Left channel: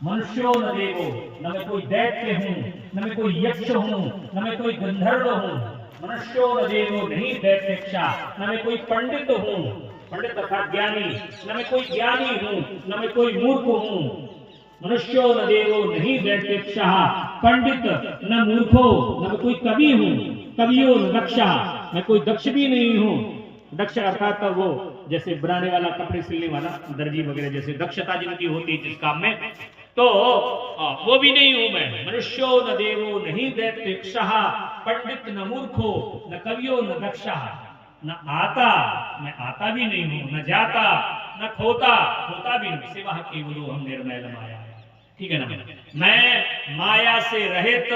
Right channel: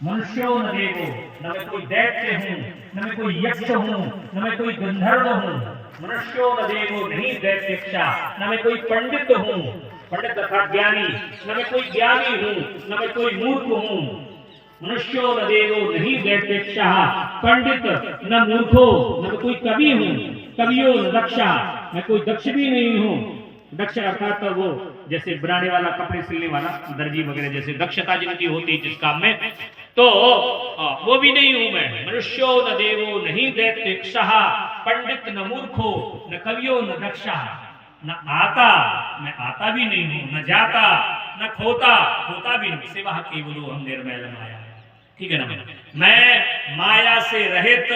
मनुष्यो न देवो, न मैं कोई दैत्य हूँ, न मैं कोई यक्ष हूँ, न मैं कोई गंधर्व हूँ। मनुष्यो न देवो, नहीं दैत्यक्षा, न मैं कोई पंडित हूँ, पंडित अर्थात ज्ञानी, न मैं कोई ज्ञानी हूँ, न मैं कोई मूर्ख हूँ। मनुष्यो न देवो, नहीं दैत्यक्षा, पंडित न मूर्खो, न मैं कोई कवि हूँ, कवियो न दक्षा, मैं कोई दक्ष भी नहीं हूँ। दक्ष अर्थात वो जैसे बनाने वाला, कपड़े सिलने वाला, दर्जी वगैरह, जैसे दक्षता जिनकी होती है जिस काम में, तो वो भी नहीं हूं मैं। मनुष्यो न देवो, नहीं दैत्यक्षः, पंडित न मूर्खो, न कवियो न दक्षा, न आता, मैं आता भी नहीं हूं, न जाता, न खोता, खोता भी नहीं, सिवा केवलो हम निर्मल माया। ठीक है ना? मैं माया से रहित,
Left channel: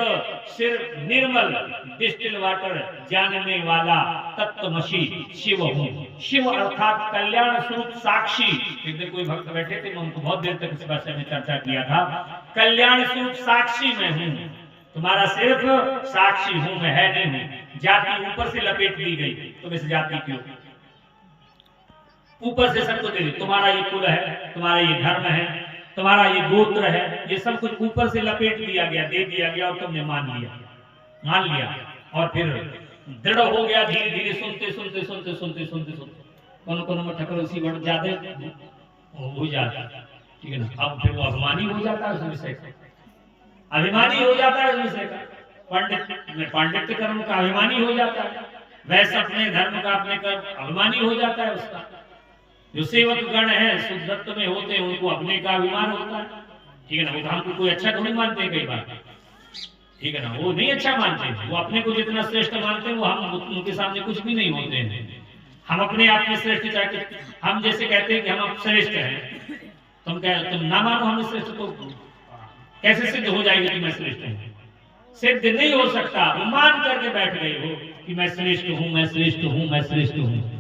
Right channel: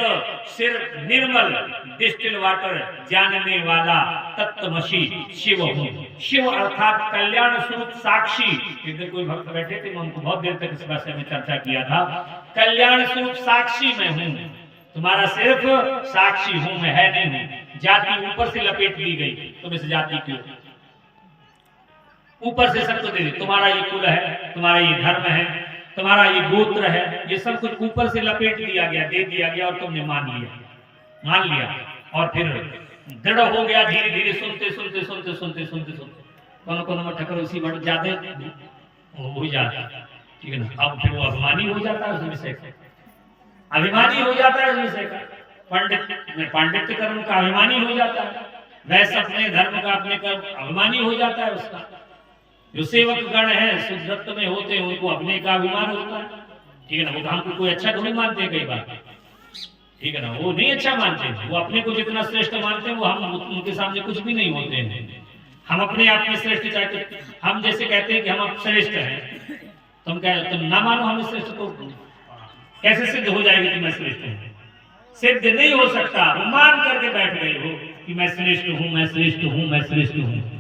सिर्फ निर्मल, डिस्टिल वाटर जानने वाला तत्वमसी शिव हूँ। शिव अर्थात कल्याण स्वरूप साक्षी। एक दिन कोई भक्त बैठे थे, मैं उनको बहुत देर तक इस बात से हमने चर्चा किया था। कल्याण स्वरूप साक्षी मैं हूँ, तुम्हारा सिर्फ साक्षी हूँ, मैं है नहीं हूँ। जाति ऊपर से लपेट दी गई, तुम इस जाति क्यों? ऊपर से सबको दे दी, तुम्हारा ये कुल है, तुम्हारा ये धर्म है, तुम्हारा ये गोत्र है, ये सब कुछ ऊपर से लपेट दिया गया, दे दिया गया, और तुमने मान लिया, और फिर दृढ़ हो गया। धीरे धीरे सुनते सुनते सुनते सुनते सुनते सुनते कौन में ठकर उसी बढ़ जाते हो जाता। ठीक है ना? अब फिर वो अभिमानी हो जाता है उस विषय से, अभिमानी हो जाता है उस विषय का। पंडित में पांडित्य कर्म का अभिमानी हो जाता है, वैसे अपने धर्म का अपने कर्म अभिमानी हो जाता है उसका। जो सेवक गण है शुद्धत्व में होते हैं, उनको अपने का अभिमान होता है। ठीक है ना? वो हमको कोई अच्छा थोड़ी मानते कई बार, ठीक है ना? वो नहीं अच्छा मानते, वो अपने को जितना श्रेष्ठ मानते हैं, वो हम उनके सामने कुछ भी नहीं होते हैं। हम अपने आप में श्रेष्ठ चाहते, हम जैसे कहते हैं कि हम श्रेष्ठ हैं, तुम ना मानो हमें श्रेष्ठ, तो कैसे सिद्ध हो जाएगी कि मैं श्रेष्ठ हूँ? सिद्ध नहीं हो सकता। वो मान करके बैठ गए हो कि मैं श्रेष्ठ हूँ, मैं श्रेष्ठ हूँ, मैं श्रेष्ठ हूँ।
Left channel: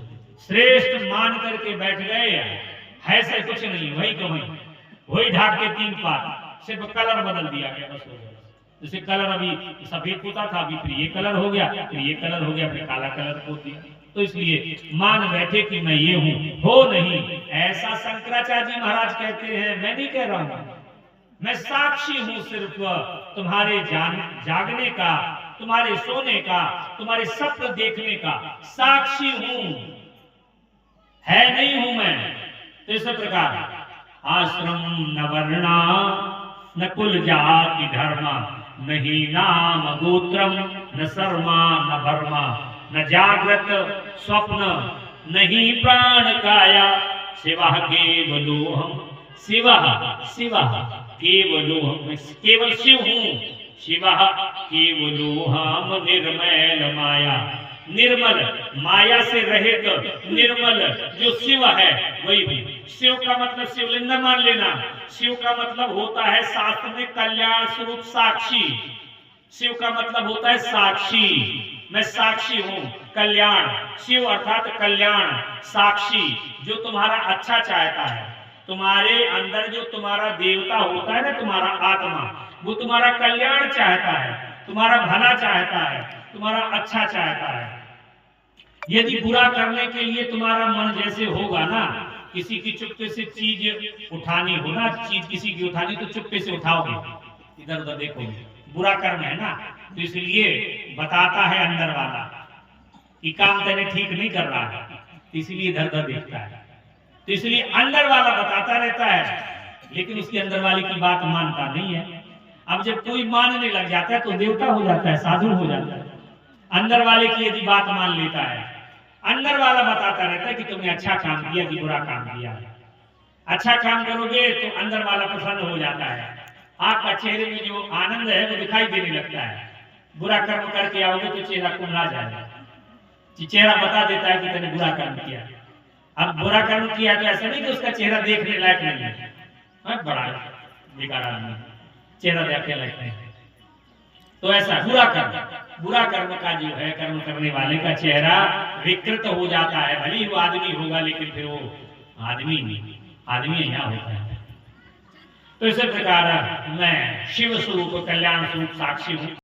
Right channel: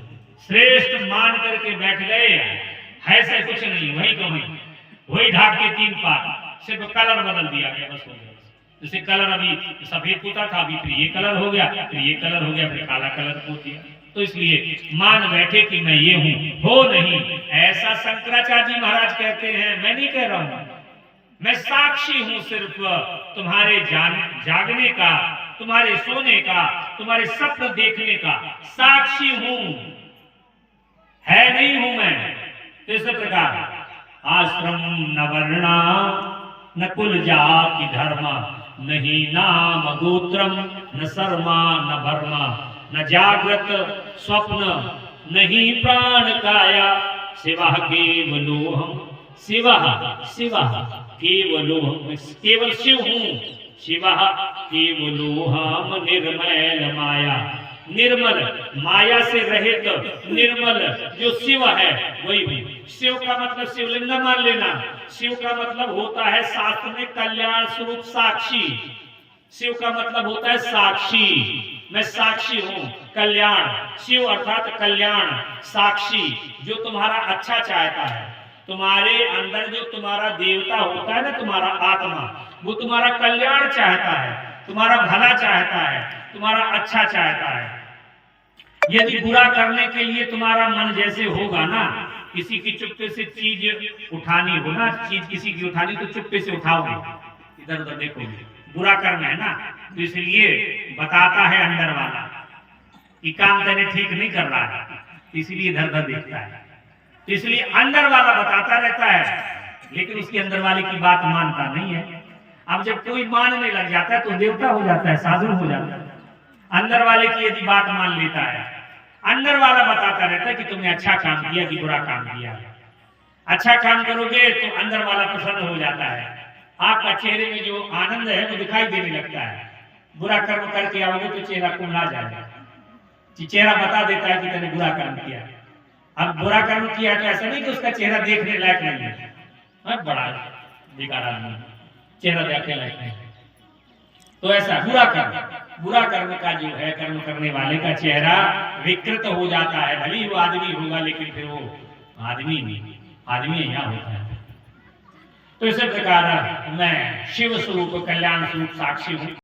श्रेष्ठ मान करके बैठ गए, है से कुछ नहीं, वही कमाई, वही ढाक के 3 पार, सिर्फ कलर बदल दिया गया, बस हो गया। जैसे कलर अभी सफेद होता था, अभी फिर ये कलर हो गया, फिर ये कलर हो गया, फिर काला कलर हो दिया। तो इसलिए मान बैठे कि मैं ये हूं, हो नहीं। ऐसा शंकराचार्य जी महाराज कहते हैं, मैं नहीं कह रहा हूं, मैं साक्षी हूं सिर्फ तुम्हारे जागने का, तुम्हारे सोने का, तुम्हारे स्वप्न देखने का साक्षी हूं, है नहीं हूं मैं। तो इस प्रकार आश्रम न वर्णा न कुल जाति धर्म, नहीं नाम गोत्रम, न शर्मा न भर्मा, न जागृत स्वप्न, नहीं प्राण काया, शिवा केवलोहम, शिवा शिवा केवलोहम, केवल शिव हूं, शिवा केवलोहम निर्मल माया, निर्मल माया से रहित निर्मल जो शिव है वही हूं। शिव का मतलब शिवलिंग मान लेना, शिव का मतलब होता है शास्त्र में कल्याण स्वरूप साक्षी। शिव का मतलब होता है साक्षी, मैं साक्षी हूं, कल्याण। शिव अर्थात कल्याण, साक्षी, जो तुम्हारा अच्छा चाहता है। तुम्हारे अंदर जो तुम्हारा देवता होता है ना, तुम्हारा आत्मा, वो तुम्हारा कल्याण चाहता है, तुम्हारा भला चाहता है, तुम्हारा अच्छा चाहता है। यदि बुरा करने के लिए तुम्हारा मन जैसे होगा ना, किसी की चुप्पे से चीज उठानी हो ना, चीज किसी की उठानी तो चुप्पे से उठाओगे, इधर उधर देखोगे, बुरा कर्म है ना। तो इसलिए बताता है अंदर वाला कि काम तेने ठीक नहीं कर रहा है, इसलिए इधर उधर देखता है। तो इसलिए अंदर वाला बताता रहता है, लेकिन उसके अंदर वाले की बात मानता नहीं है। अब जब कोई मानने लग जाता है तो देवता हो जाता है, साधु हो जाता है। अंदर वाले की यदि बात मान लेता है, अंदर वाला बताता रहता है कि तुमने अच्छा काम किया कि बुरा काम किया। अच्छा काम करोगे तो अंदर वाला प्रसन्न हो जाता है, आपका चेहरे में जो आनंद है वो दिखाई देने लगता है। बुरा कर्म करके आओगे तो चेहरा कुमला जाएगा, चेहरा बता देता है कि तुमने बुरा कर्म किया। अब बुरा कर्म किया तो ऐसा नहीं कि उसका चेहरा देखने लायक नहीं है, बड़ा बेकार आदमी, चेहरा देखने लायक नहीं है। तो ऐसा बुरा कर्म का जो है, कर्म करने वाले का चेहरा विकृत हो जाता है। भले ही वो आदमी होगा, लेकिन फिर वो आदमी नहीं, आदमी यहाँ होता है। तो इसी प्रकार मैं शिव स्वरूप कल्याण स्वरूप साक्षी हूँ।